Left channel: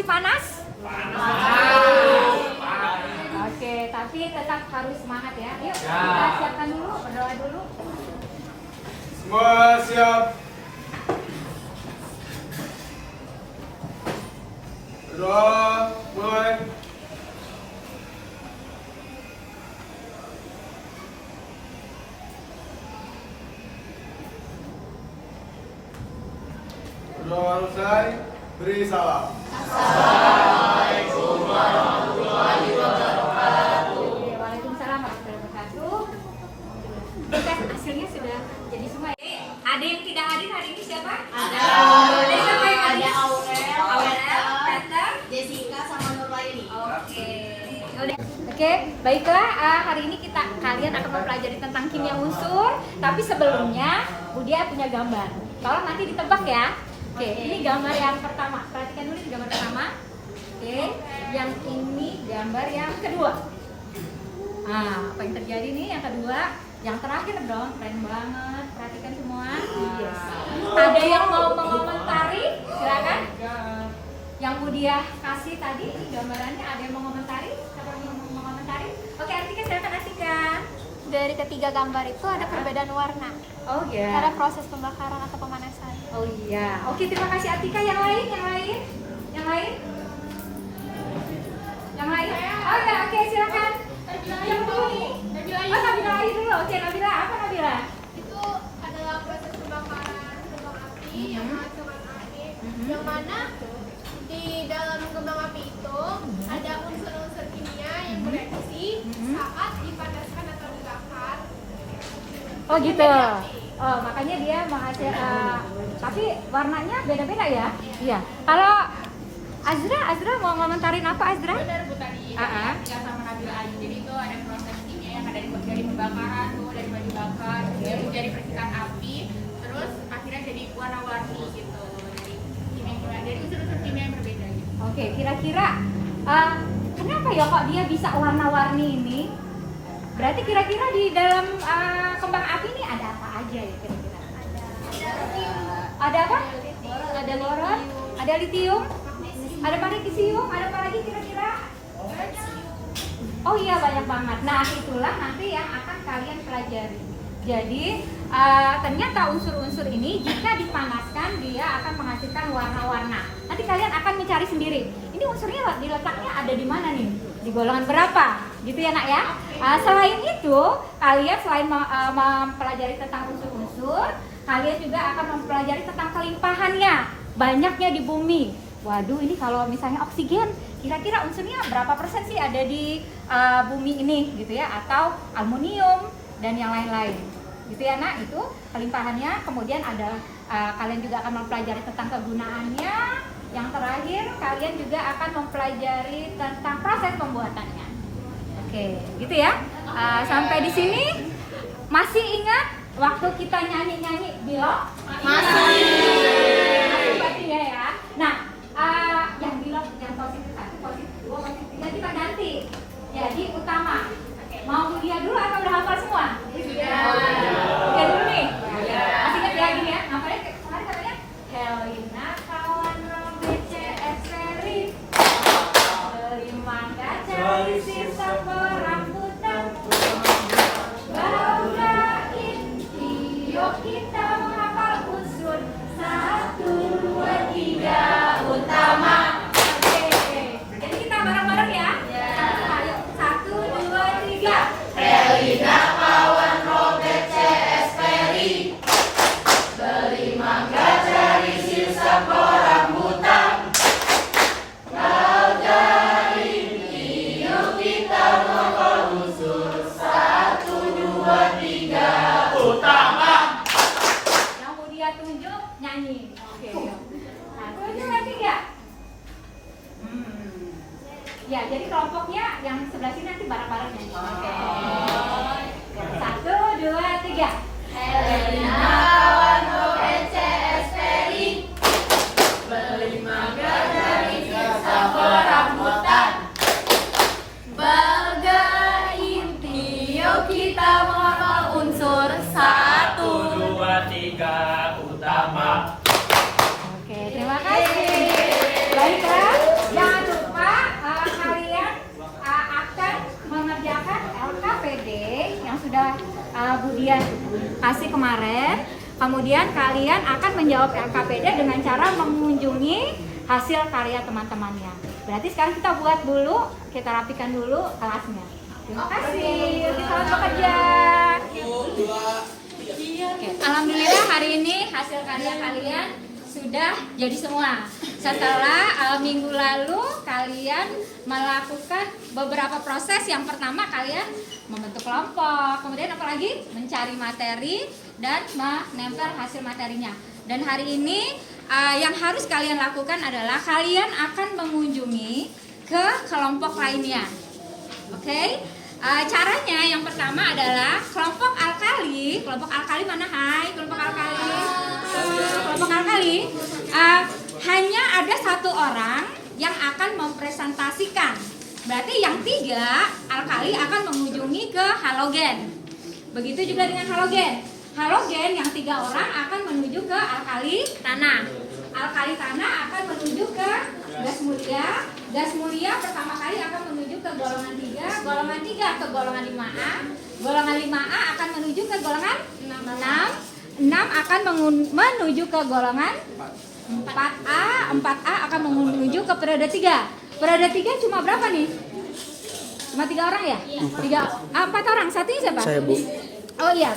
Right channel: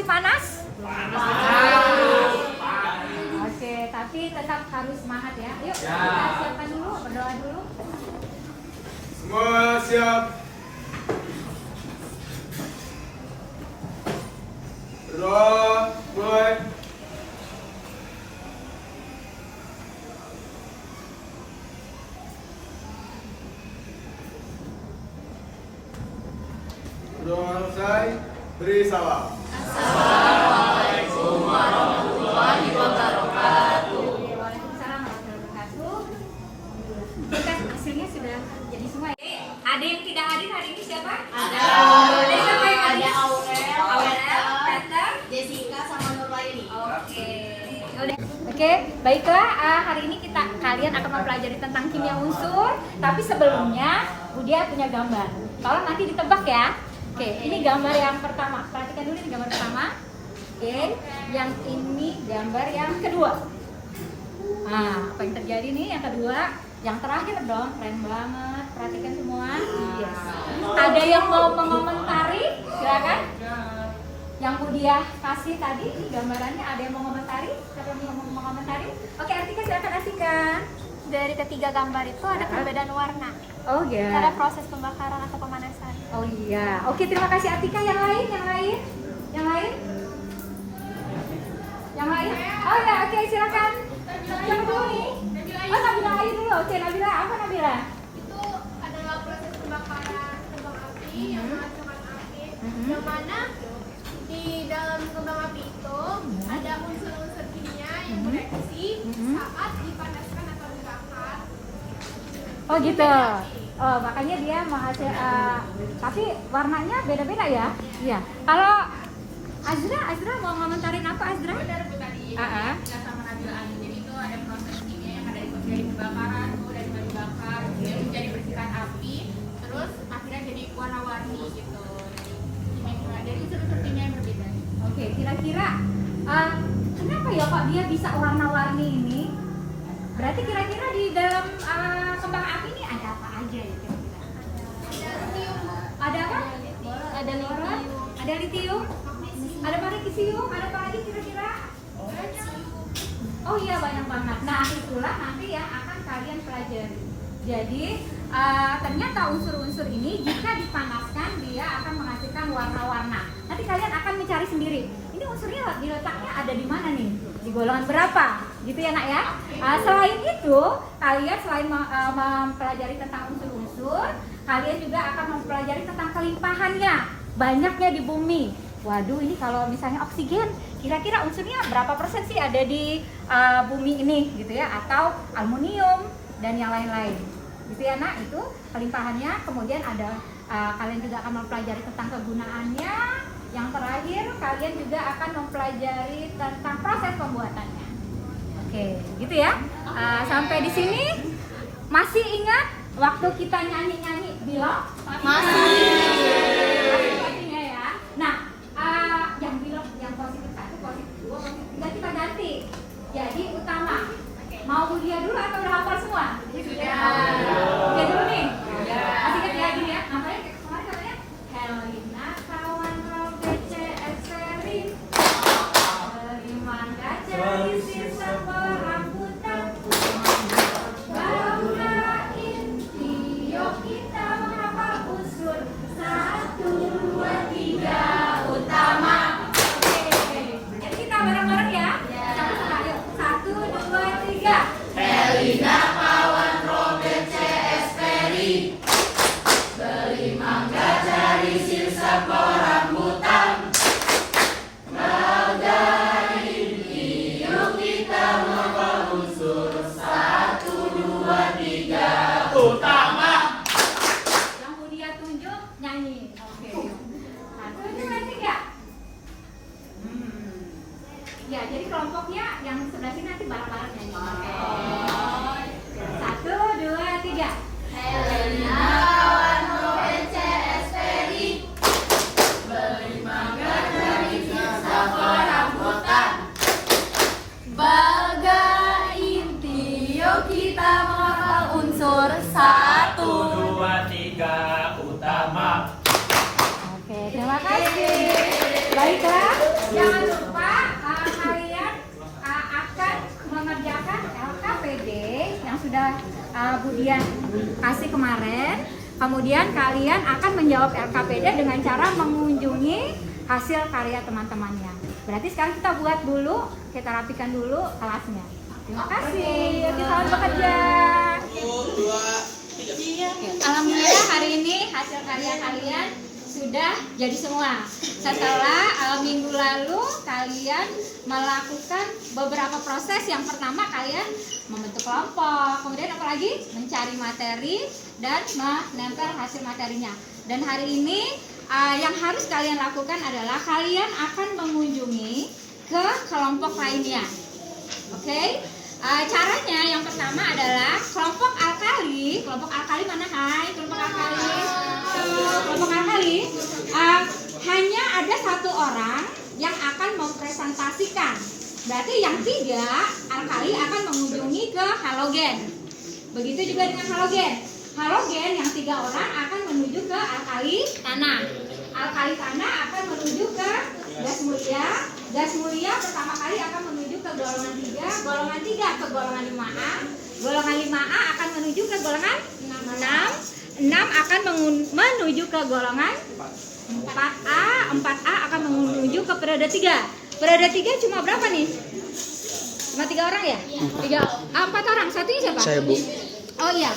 masih panas? Oke, tapi tetap harus semangat ya. Yuk, kita siapkan dulu, berdoa dulu. Semua siap. Berdoa, mulai. Berdoa selesai, beri salam. Assalamualaikum warahmatullahi wabarakatuh. Waalaikumsalam warahmatullahi wabarakatuh. Kita hasilnya sudah jadi semua. Ada yang tidak hadir hari ini siapa? Ada. Ada siapa yang hadir? Ada Aurel, Aurel, Peter, Jessica sama Nurlaini. Oke. Oke, baiklah. Hari ini kalian akan mempelajari tentang kimia unsur. Tapi sebelumnya, Budia punya gambar. Tolong nanti ditebak ya. Oke, ini gambar yang pertama. Perhatikan dulu ini gambar pertama. Oke, yang ini gambar yang kedua. Apa yang terjadi nih yang kedua? Yang terakhir dong, keren banget. Perhatikan semua. Yes. Ada yang mau mengomentari? Silakan. Yang Budia kasih tadi gambarannya, ada yang mau mengomentari? Siapa yang mau mengomentari? Oke, Artika silakan Artika. Dari ketiga gambar itu ada perbedaan warna Oh ya. karena proses pembakaran atau pemanasan. Oh iya. Oke, terima kasih Artika. Yang lain, yang lain, yang lain, yang lain. Oh ya, oke silakan. Yang dulu nih. Oh Nabila aja dulu. Oke Nabila, apa Nabila? Itu adalah proses pembakaran kembang api yang menghasilkan api, Mhm. yang mana di dalam kembang api itu ada unsur-unsur kimia yang bereaksi saat dipanaskan atau dibakar. Oh gitu. Oh makanya dia menghasil. Tapi warnanya beda-beda ya. Iya. Kalau Azra mau ngomentarin apa Azra? Ya sama Nabila aja. Jadi itu ada proses kimia yang ada dari pembakaran tuh, dari bahan bakar dia menjadi percikan api, terus akhirnya jadi warna-warni gitu. Jadi kimia dari unsur-unsur kimia yang berbeda gitu. Oke, kira-kira kenapa ya kok dia bisa warna-warni ini? Berarti kira-kira di dalam kembang api ini ada apa aja ya kira-kira? Ada apa? Ada Boron, ada litium, ada magnesium, ada apa lagi kira-kira? Oh iya banyak banget. Nah itulah nanti yang akan kalian pelajari. Jadi ternyata unsur-unsur ini jika dipanaskan dia akan menghasilkan warna-warna. Nanti kalian akan mencari sendiri. Ini unsurnya diletaknya ada di mana nih? Di golongan berapa? Gitu ya nak ya. Selain itu kalian selain mempelajari tentang unsur-unsur, kalian juga akan mempelajari tentang kelimpahannya, banyaknya di bumi. Waduh, ini kalau misalnya oksigen, kira-kira unsurnya berapa persen sih ada di bumi ini gitu ya? Atau aluminium dan yang lain-lain. Gitu ya nak, itu kelimpahannya. Kemudian ada kalian juga akan mempelajari tentang kegunaannya. Yang terakhir, kalian juga akan mempelajari tentang proses pembuatannya. Oke, gitu ya. Sampai di sini masih ingat waktu kita nyanyi-nyanyi Bilok? Masih ya. Nah, yang Bilok yang positif 1, positif 2, positif 3 kita ganti. Jadi utama. Mau Budia dulu atau udah hafal semua? Budia dulu nih. Masih ingat ya gini ya? Namanya kemarin katanya Helena kawan Robert CS Seri. Mangga cari sisa rambutan. Baudain Tio kita menghafal unsur 1, 2, 3 utama. Oke. Jadi kita bareng-bareng ya. Ayo 1, 2, 3. Helena kawan Robert CS Ferry. Beli mangga cari sisa rambutan. Baudain Tio kita menghafal unsur 1, 2, 3 utama. Yang Budia tunjuk nyanyi. Oke. 1, 2, 3. Ya, jadi kelompoknya yang sebelah sini nanti bareng-bareng nyanyi. Oke. 1, 2, 3. Helena kawan Robert CS Ferry. Beli mangga cari sisa rambutan. Baudain Tio kita menghafal unsur 1, 2, 3 utama. Oke, terima kasih. Baiklah, yang sudah Bu Dian kasih kemarin. Kemudian kalian akan menjawab LKPD dengan cara mengunjungi hasil karya teman-temannya. Berarti sekarang kita buat dulu, kita rapikan dulu kelasnya. Terima kasih. Oke, selamat bekerja. Oke, alhamdulillah hari ini hasil karya kalian sudah jadi semua. Setelah minggu lalu kalian melakukan beberapa proses. Yang pertama kalian membentuk kelompok, kemudian apa lagi? Mencari materi dan menempel hasil materinya. Dan hari ini yang harus kalian lakukan adalah kalian akan mengunjungi ke kelompok lainnya. Oke? Caranya yang pertama adalah kelompok alkali. Kelompok alkali mana? Hai, kelompok alkali. Kelompok alkali hanya ada satu orang yang akan mempresentasikan. Berarti yang 3 alkali akan mengunjungi ke halogen. Begitu juga dengan halogen. Halogen yang 3 orang akan menuju ke alkali tanah. Alkali tanah akan menuju ke gas mulia. Gas mulia pertama kali akan menuju ke golongan 3. Golongan 3 ke golongan 5A. Golongan 5A akan menuju ke golongan 6. 6 akan menuju ke golongan 4A. 4A akan menuju ke periode 3. Periode 3 cuma berapa nih? Cuma 3 orang ya? 4 orang. Satunya siapa? Saya, Bu. Oh iya,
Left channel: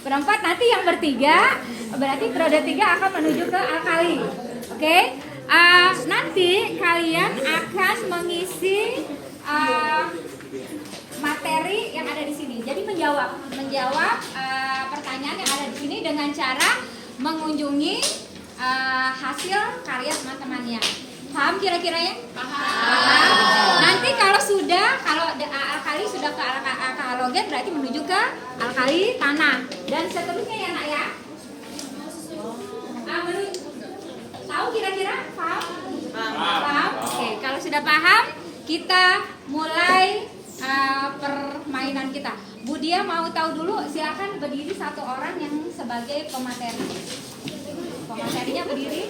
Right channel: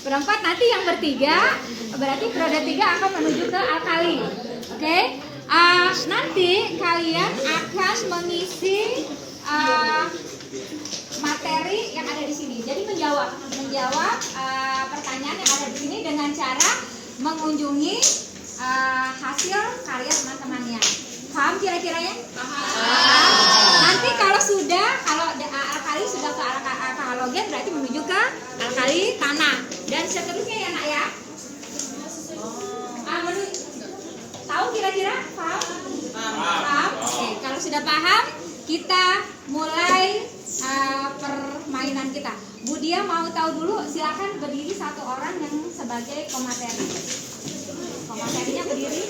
berempat. Nanti yang bertiga berarti periode 3 akan menuju ke alkali. Oke? Nanti kalian akan mengisi materi yang ada di sini. Jadi menjawab pertanyaan yang ada di sini dengan cara mengunjungi hasil karya teman-temannya. Paham kira-kiranya? Nanti kalau alkali sudah ke halogen berarti menuju ke alkali tanah dan seterusnya ya nak ya. Tahu kira-kira? Paham? Oke, kalau sudah paham kita mulai permainan kita. Bu Dia mau tahu dulu, silakan berdiri satu orang yang sebagai pemateri. Pematerinya berdiri.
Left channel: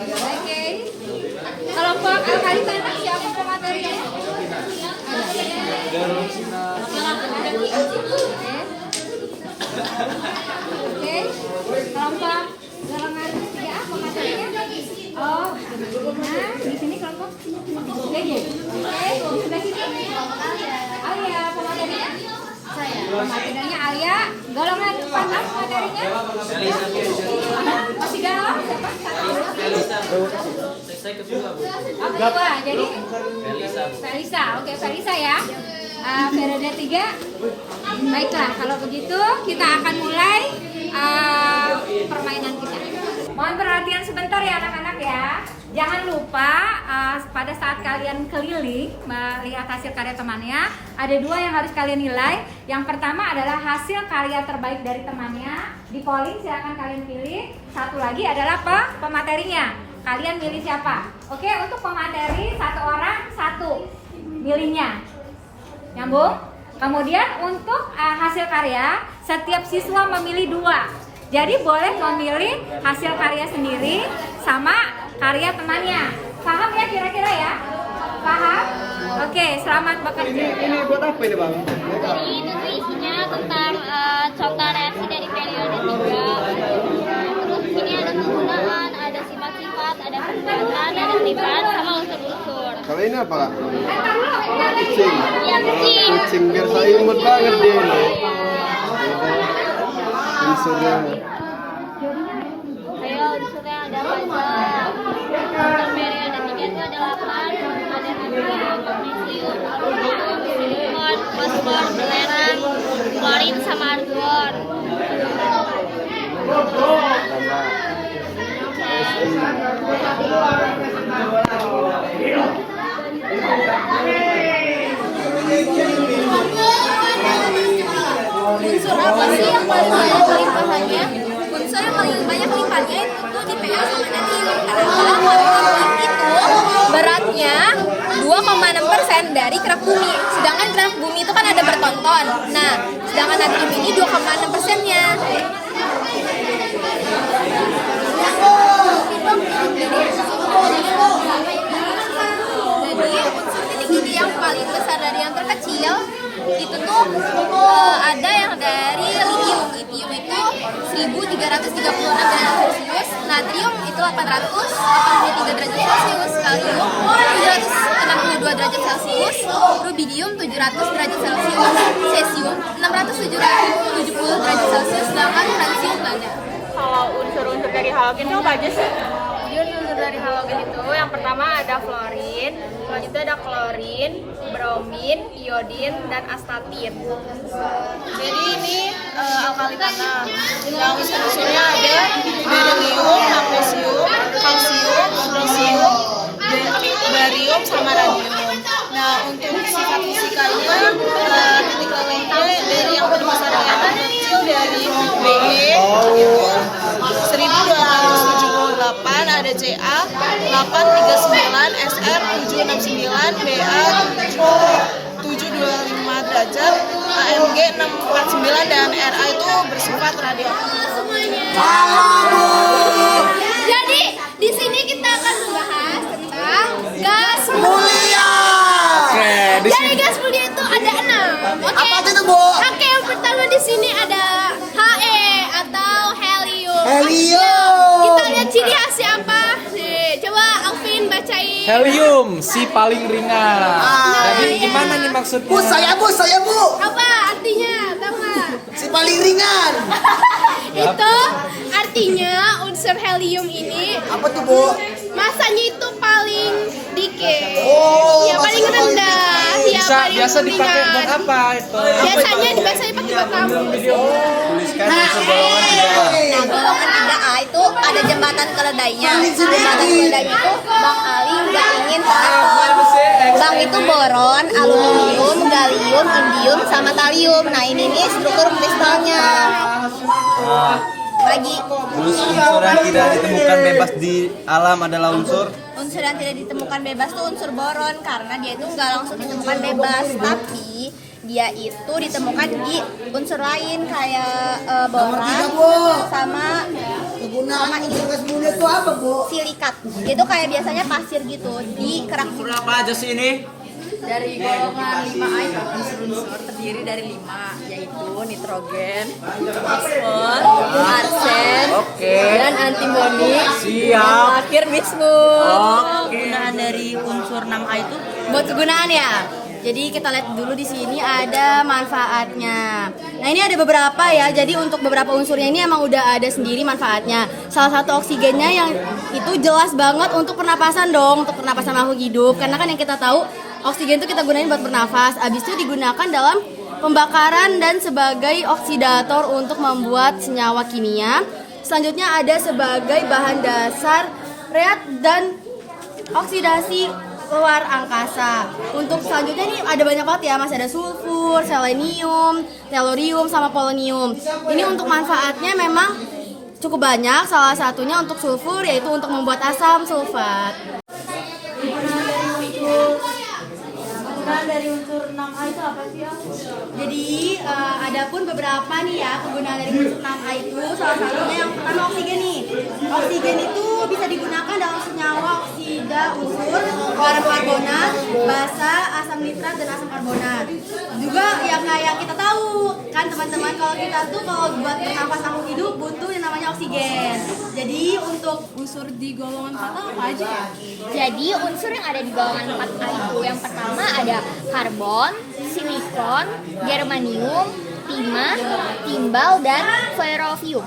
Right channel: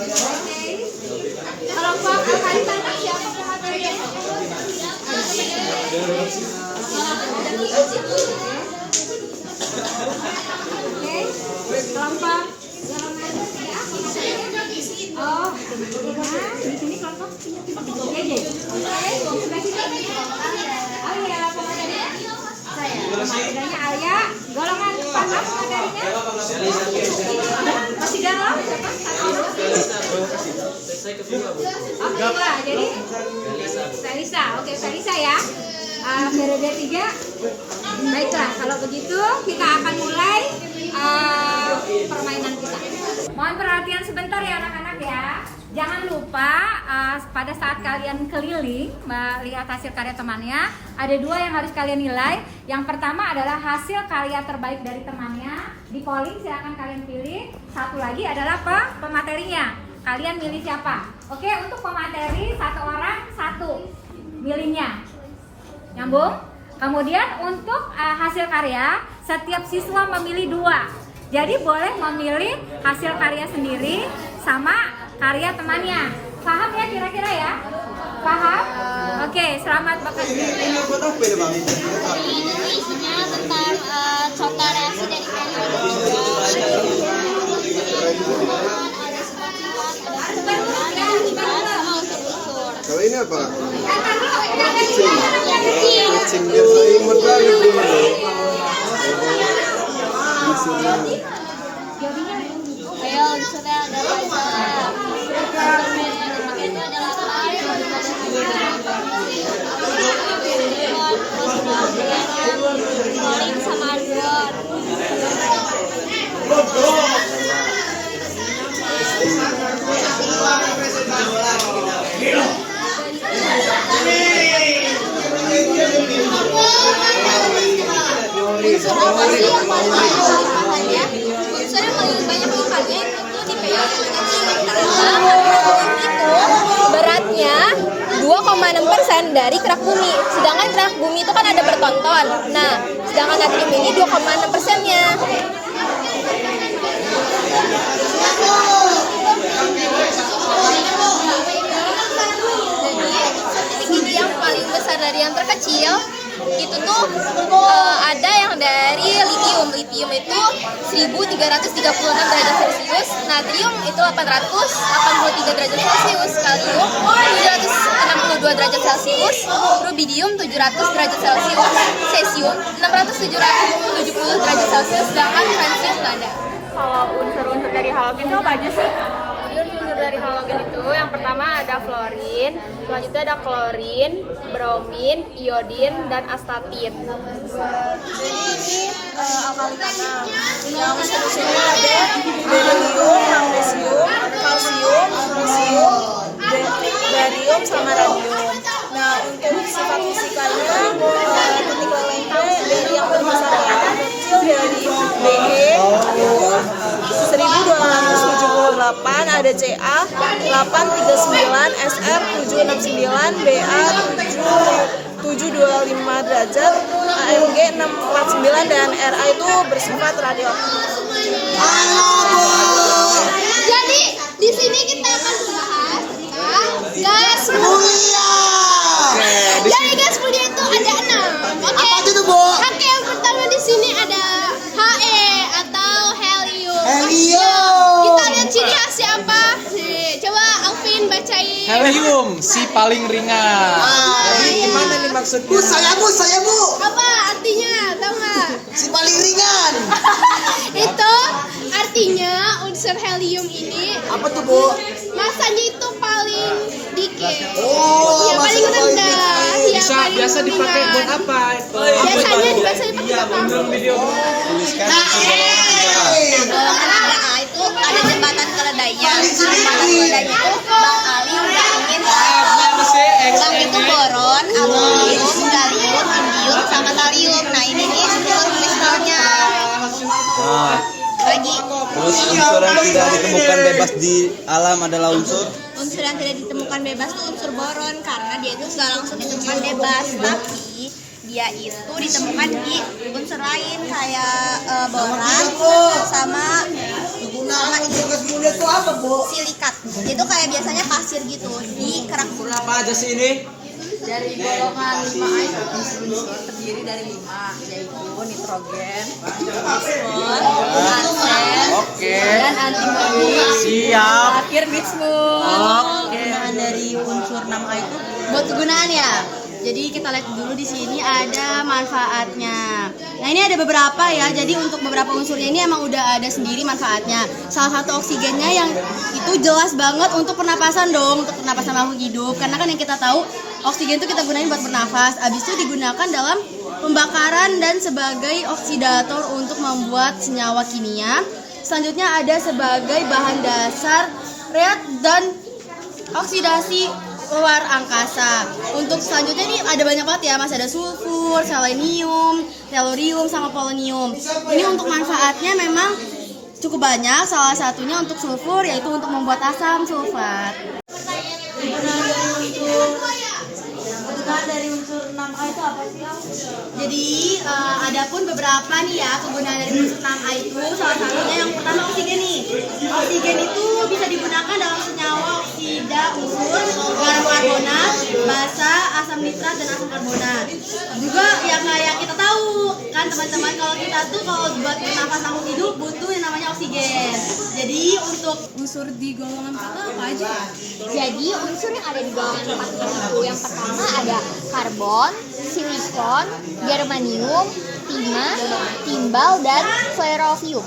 Oke. Kelompok alkali tanah siapa pematerinya? Oke. Kelompok golongan ya pematerinya? Oh, di sini kelompok sini. Oke. Di sebelah sini. Oh ya, pematerinya? Saya. Pematerinya Alia. Golongan tanah pematerinya? Masih galau siapa? Saya kedua, Bu. Oh, kedua. Jadi Felisa. Oke, Felisa ya. Periode 3. Baiklah, kalau begitu kita akan mulai permainan kita. Mohon perhatian sebentar ya anak-anak ya. Jangan lupa pada saat kalian keliling melihat hasil karya temannya, ada 2 yang harus kalian nilai. Yang pertama adalah hasil karya terbaik dari temannya. Di polling silakan kalian pilih. Satu lagi adalah pematerinya. Kalian milih siapa? Oke, untuk pemateri 1 orang 1 milihnya. Nyambung? Kemudian untuk hasil karya setiap siswa memilih 2. Jadi boleh memilih hasil karya sendiri sama karya temannya. Paham ya kira-kira ya? Paham? Oke, selamat bekerja. Ini buat apa ini, Bang? Ini isinya tentang contoh reaksi dari periode 3. Ini ada penggunaan, ada sifat-sifat, ada perbedaan, ada tipat, sama unsur-unsur. Kalau ini apa? Yang kecil. Kucing biar saya imut banget dia. Unsurnya. Bel, unsurnya ada laser. Periode 3 itu ada 8, ada silikon, fosfor, belerang, klorin, sama argon. Unsur apa sih yang paling banyak limpahannya? Unsur yang paling banyak limpahannya itu di PL sama calcium. Calcium itu beratnya 2,6% dari kerak bumi. Sedangkan kerak bumi itu kan ada bertonton. Nah, sedangkan natrium ini 2,6%-nya. Jadi unsur titik ini yang paling besar dari yang terkecil 1336 derajat Celcius, natrium itu 883 derajat Celcius, kalium 762 derajat Celcius, rubidium 700 derajat Celcius, cesium 670 derajat Celcius, sedangkan francium nggak ada. Kalau unsur-unsur dari halogen itu apa aja sih? Jadi unsur dari halogen itu yang pertama ada fluorin, selanjutnya ada klorin, bromin, iodin, dan astatin. Jadi ini alkali tanam. Yang unsur-unsurnya ada berilium, magnesium, kalsium, magnesium, barium, sama radium. Nah, untuk sifat fisikanya titik lelehnya dari yang terbesar yang terkecil dari Be 1278, ada Ca 839, Sr 769, Ba 725 derajat, Ang 649, dan Ra itu bersifat radioaktif. Jadi di sini kita akan membahas tentang gas mulia. Jadi gas mulia itu ada 6. Oke. Apa itu, Bu? Oke, yang pertama di sini ada He atau helium. Helium. Kita lihat ciri khasnya apa? Nih, coba Alvin bacain. Helium, si paling ringan. Gimana nih maksudnya? Bu, saya Bu. Apa artinya? Tahu nggak? Si paling ringan. Itu artinya unsur helium ini Apa tuh, Bu? masanya itu paling dikit. Oh, Ya paling masanya paling rendah, ya paling Biasa dipakai buat ringan. apa itu? Biasanya dipakai buat tabung. Tuliskan unsur golongan 3A. Golongan 3A itu ada jembatan keledainya. Jembatan keledainya itu bang aling, bang angin, bang itu boron, aluminium, gallium, indium, sama kalium. Nah ini nih struktur kristalnya. Lagi Terus unsur yang tidak ditemukan bebas di alam adalah unsur unsur yang tidak ditemukan bebas itu unsur boron karena dia itu nggak langsung ditemukan bebas, tapi dia itu ditemukan di unsur lain kayak boran sama unsur gas mulia itu apa, Bu? silikat. Itu kayak biasanya pasir gitu di kerak. Apa aja sih ini? Dari golongan 5A itu unsur-unsur terdiri dari 5, yaitu nitrogen, fosfor, arsen, dan antimoni. Siap. Terakhir bismut. Kegunaan dari unsur 6A itu Buat kegunaan ya. Jadi kita lihat dulu di sini ada manfaatnya. Nah ini ada beberapa ya. Jadi untuk beberapa unsurnya ini emang udah ada sendiri manfaatnya. Salah satu oksigennya yang itu jelas banget untuk pernapasan dong, untuk pernapasan makhluk hidup. Karena kan yang kita tahu oksigen itu kita gunain buat bernafas. Abis itu digunakan dalam pembakaran dan sebagai oksidator untuk membuat senyawa kimia. Selanjutnya ada sebagai bahan dasar reat dan oksidasi luar angkasa. Untuk selanjutnya nih ada banyak banget ya, masih ada sulfur, selenium, tellurium, sama polonium. Ini untuk manfaatnya memang cukup banyak. Salah satunya untuk sulfur yaitu untuk membuat asam sulfat. kegunaan dari unsur 6A itu apa sih, Ang? Jadi adapun beberapa nih ya kegunaan dari unsur 6A itu, salah satunya yang pertama oksigen nih. Oksigen itu bisa digunakan dalam senyawa oksida unsur, garam karbonat, basa, asam nitrat, dan asam karbonat. Juga ya kayak kita tahu kan teman-teman, kalau kita tuh kalau buat bernafas makhluk hidup butuh yang namanya oksigen. Jadi untuk unsur di golongan 4 apa aja ya? Jadi unsur yang ada di golongan 4A itu yang pertama ada karbon, silikon, germanium, timah, timbal, dan ferrovium.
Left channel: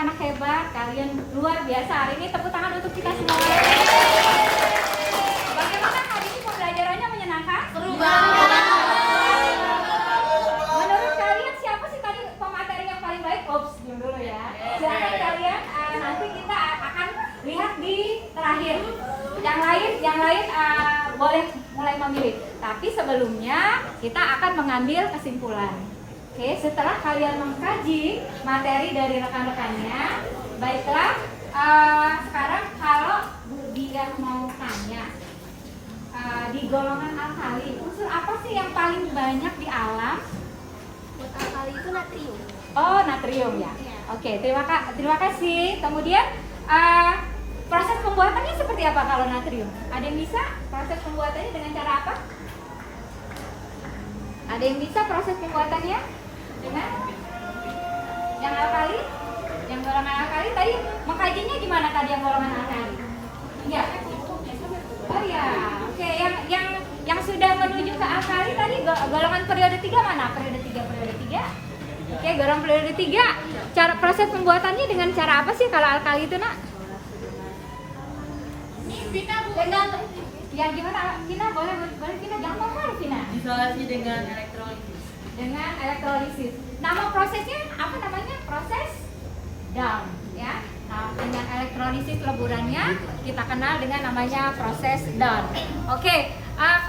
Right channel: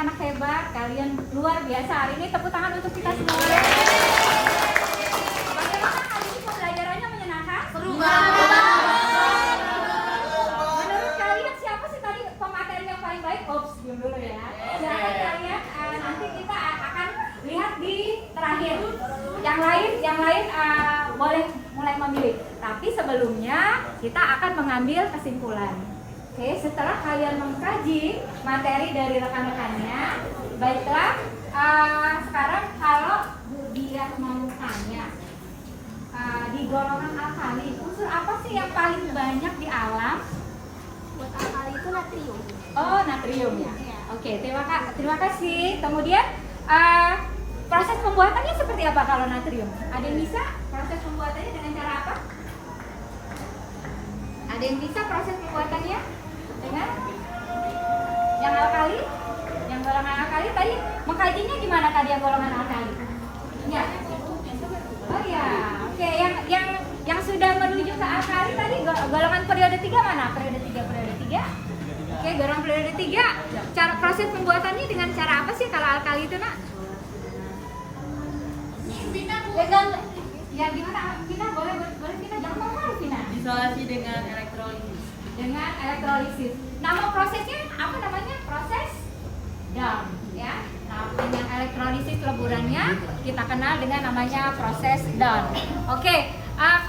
anak-anak hebat, kalian luar biasa. Hari ini tepuk tangan untuk kita semua. Bagaimana hari ini pembelajarannya menyenangkan? Seru banget. Menurut kalian siapa sih tadi pemateri yang paling baik? Ops, diam dulu ya. Silakan kalian, nanti kita akan lihat di terakhir. Yang lain boleh mulai memilih. Tapi sebelumnya kita akan mengambil kesimpulan. Oke, setelah kalian mengkaji materi dari rekan-rekannya, baiklah, sekarang kalau dia mau tanya, di golongan alkali, unsur apa sih yang paling banyak di alam? Buat alkali itu natrium. Oh, natrium ya. Oke, terima kasih. Kemudian proses pembuatannya seperti apa kalau natrium? Ada yang bisa proses pembuatannya dengan cara apa? Ada yang bisa proses pembuatannya dengan yang alkali? Yang golongan alkali tadi mengkajinya gimana tadi yang golongan alkali? Ya. Oh ya. Oke, yang sudah menuju ke alkali tadi golongan periode 3 mana? Periode 3. Oke, golongan periode 3. Cara proses pembuatannya dengan cara apa sih kalau alkali itu, Nak? Ya gimana? Vina, boleh Vina, jangan ngomong Vina. Isolasi dengan elektrolisis. Dengan elektrolisis. Nama prosesnya apa namanya? Proses down, ya. Nah, dengan elektrolisis leburannya kita kenal dengan namanya proses down. Oke,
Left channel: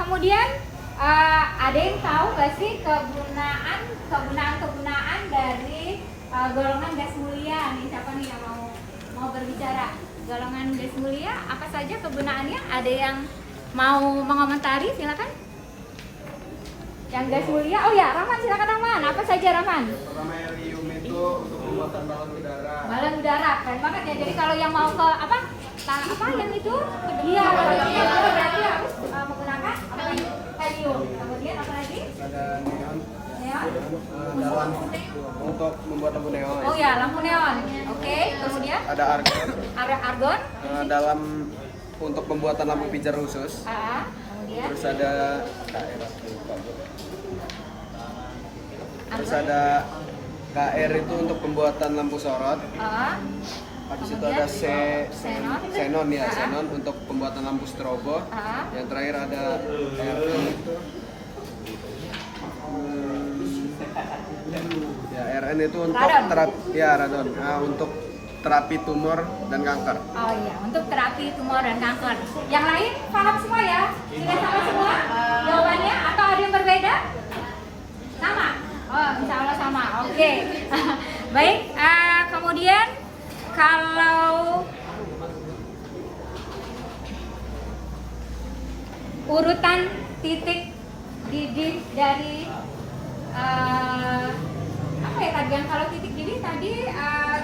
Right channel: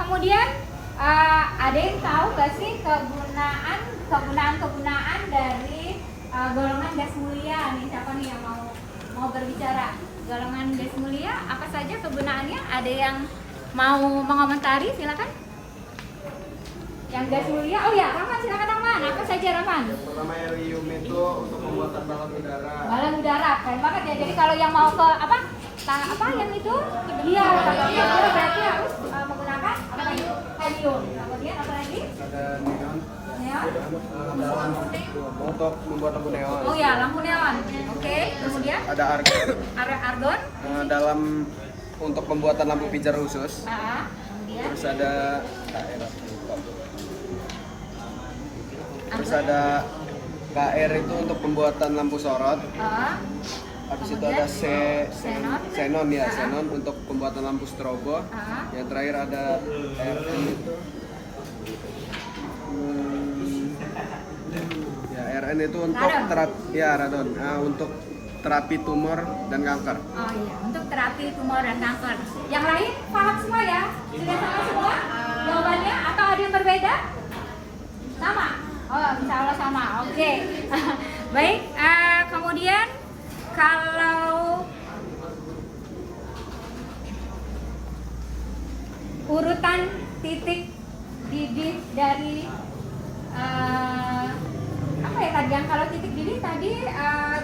kemudian ada yang tahu gak sih kegunaan dari golongan gas mulia? Nih siapa nih yang mau berbicara? Golongan gas mulia apa saja kegunaannya? Ada yang mau mengomentari? Silakan. Yang gas mulia, oh ya, Rahman, silakan Rahman. Apa saja Rahman? Yang pertama helium itu untuk pembuatan balon udara. Balon udara, keren banget ya. Jadi kalau yang mau ke apa yang itu? Iya, kalau yang itu berarti harus menggunakan apa tadi? Helium. Kemudian apa lagi? Ada neon. Neon. Ada lampu untuk membuat lampu neon. Oh ya, lampu neon. Oke, kemudian Ada argon. ada argon. Dalam untuk pembuatan lampu pijar khusus. Kemudian Terus ada KR, lupa Bu. Terus ada KR itu untuk pembuatan lampu sorot. Habis itu ada xenon ya, xenon untuk pembuatan lampu strobo. Yang terakhir ada RN itu. Ya, RN itu untuk radon. Nah, untuk terapi tumor dan kanker. Oh iya, untuk terapi tumor dan kanker. Yang lain paham semua ya? Sudah sama semua jawabannya atau ada yang berbeda? Sama? Oh, insya Allah sama. Oke. Baik, kemudian kalau urutan titik didih dari apa ya tadi? Yang kalau titik didih tadi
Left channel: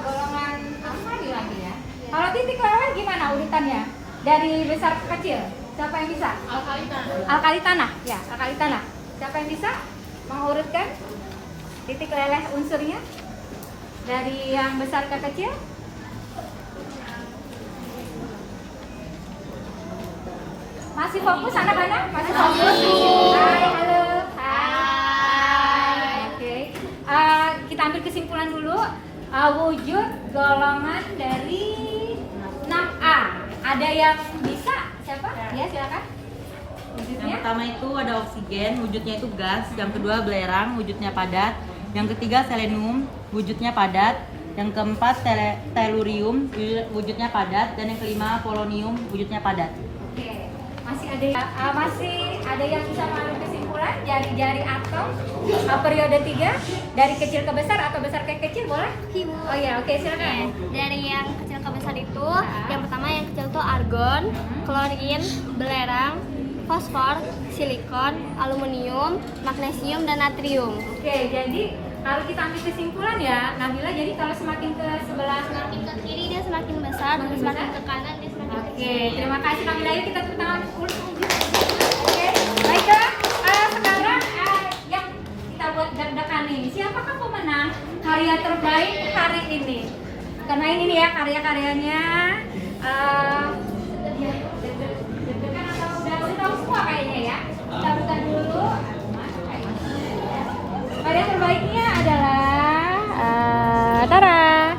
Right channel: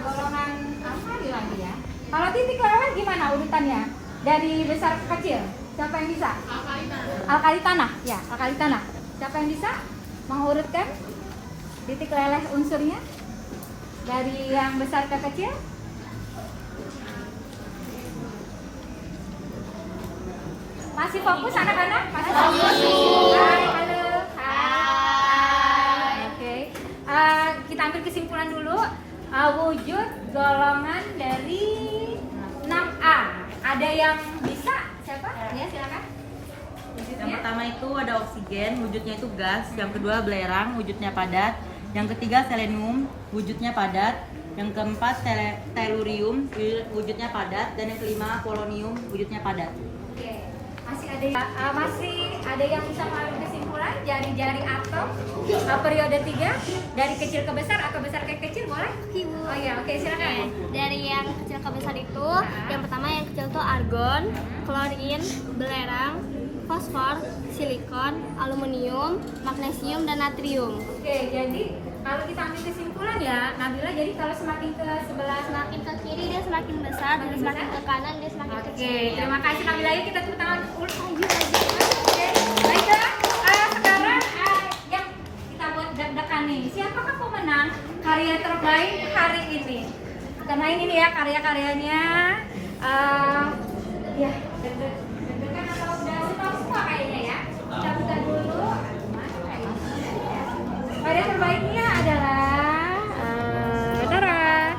golongan alkali lagi ya. Kalau titik leleh gimana urutannya? Dari besar ke kecil. Siapa yang bisa? Alkali tanah. Ya, alkali tanah. Siapa yang bisa mengurutkan titik leleh unsurnya dari yang besar ke kecil? Masih fokus anak-anak? Masih fokus? Hai, halo. Hai. Oke. Kita ambil kesimpulan dulu. Wujud golongan dari 6A. Ada yang bisa? Siapa? Ya, silakan. Yang pertama itu ada oksigen, wujudnya itu gas. Yang kedua belerang, wujudnya padat. Yang ketiga selenium, wujudnya padat. Yang keempat tellurium, wujudnya padat. Dan yang kelima polonium, wujudnya padat. Oke. Masih ada yang bisa mengambil kesimpulan jari-jari atom periode 3 dari kecil ke besar atau besar ke kecil boleh? Oh iya, oke, silakan. Dari yang kecil ke besar itu, yang pertama yang kecil itu argon, klorin, belerang, fosfor, silikon, aluminium, magnesium, dan natrium. Oke, jadi kalau kita ambil kesimpulan ya, Nabila, jadi kalau semakin ke sebelah, Semakin ke kiri dia semakin besar, dan semakin ke kanan dia semakin kecil. Oke, terima kasih Nabila. Yuk kita tepuk tangan dulu. Oke, baiklah. Sekarang yang kita buat deg-degan nih. Siapakah pemenang karya terbaik hari ini? Karena ini nih ya karya-karyanya. Ya, deg-degan atau udah semua kayaknya ya. Kita buka dulu. Karya terbaiknya adalah Tara.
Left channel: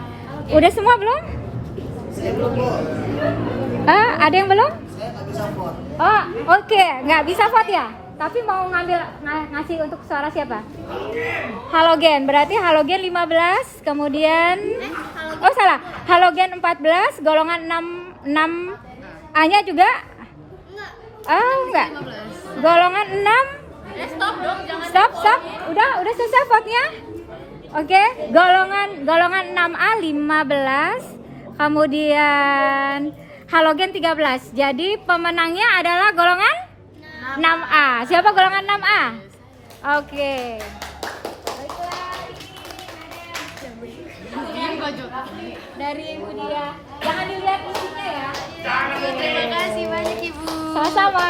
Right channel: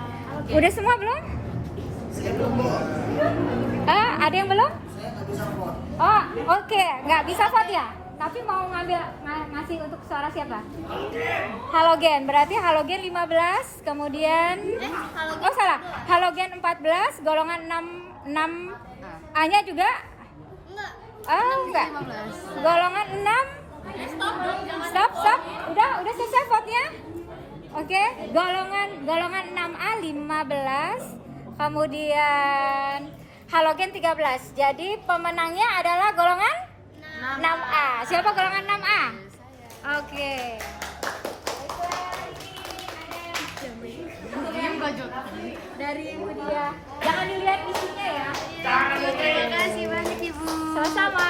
Udah semua belum? Ada yang belum? Oh, oke, nggak bisa vote ya. Tapi mau ngasih untuk suara siapa? Halogen, berarti halogen 15, kemudian oh salah, halogen 14, golongan 6 A-nya juga? Enggak. Golongan 6. Stop. Udah selesai vote-nya? Oke, golongan 6A 15, kemudian halogen 13. Jadi pemenangnya adalah golongan 6A. Siapa golongan 6A? Oke. Dari Ibu Dia. Jangan dilihat isinya ya. Terima kasih banyak Ibu. Sama-sama.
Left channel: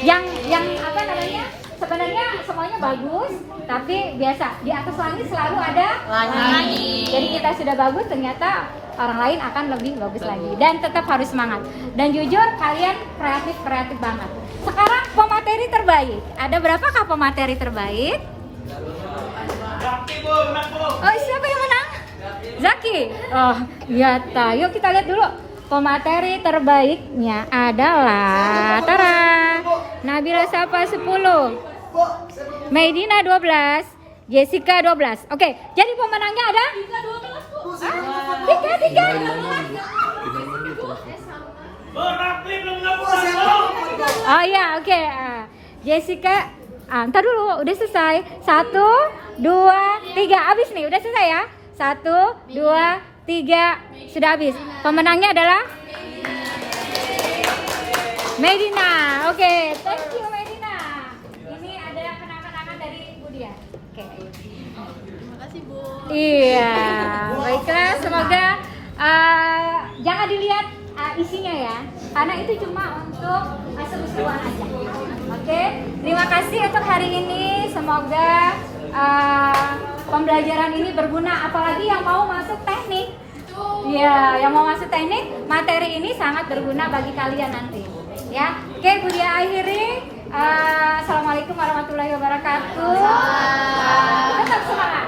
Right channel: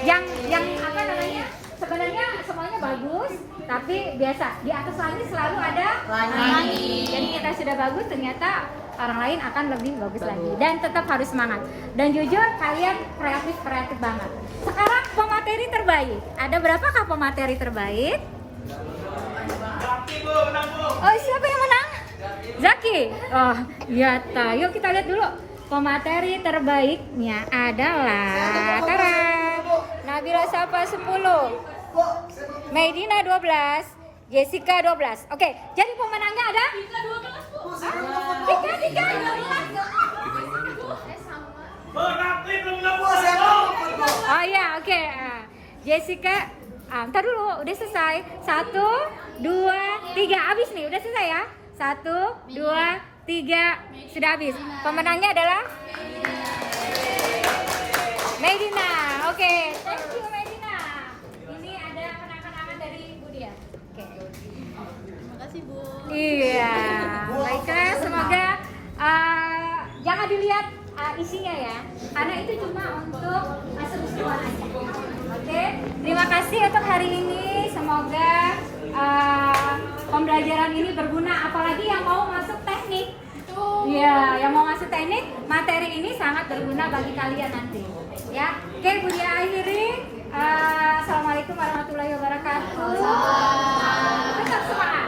Yang apa namanya? Sebenarnya semuanya bagus, tapi biasa di atas langit selalu ada langit. Jadi kita sudah bagus, ternyata orang lain akan lebih bagus lagi. Dan tetap harus semangat. Dan jujur kalian kreatif banget. Sekarang pemateri terbaik. Ada berapakah pemateri terbaik? Oh, siapa yang menang? Zaki. Oh, iya ta. Yuk kita lihat dulu. Pemateri terbaiknya adalah Tara. Nabila Safa 10. Medina 12. Jessica 12. Oke, jadi pemenangnya ada? 3. Oh iya, oke. Jessica, ntar dulu, udah selesai. 1, 2, 3, habis nih, udah selesai ya. 1, 2, 3, sudah habis. Pemenangnya adalah Medina. Oke, thank you Medina. Ini ada kenang-kenangan dari Ibu Dia. Oke. Terima kasih Bu. Iya, baiklah. Semoga jangan dilihat isinya ya, karena itu cuma untuk seru-seruan aja. Oke, terima kasih untuk hari ini. Semoga pembelajaran ini berguna, apalagi yang mau masuk teknik. Ya, yang mau masuk teknik, materi ini sangat berguna bagi kalian nanti. Ya, oke, Bu Dia akhiri. Assalamualaikum warahmatullahi wabarakatuh. Tetap semangat.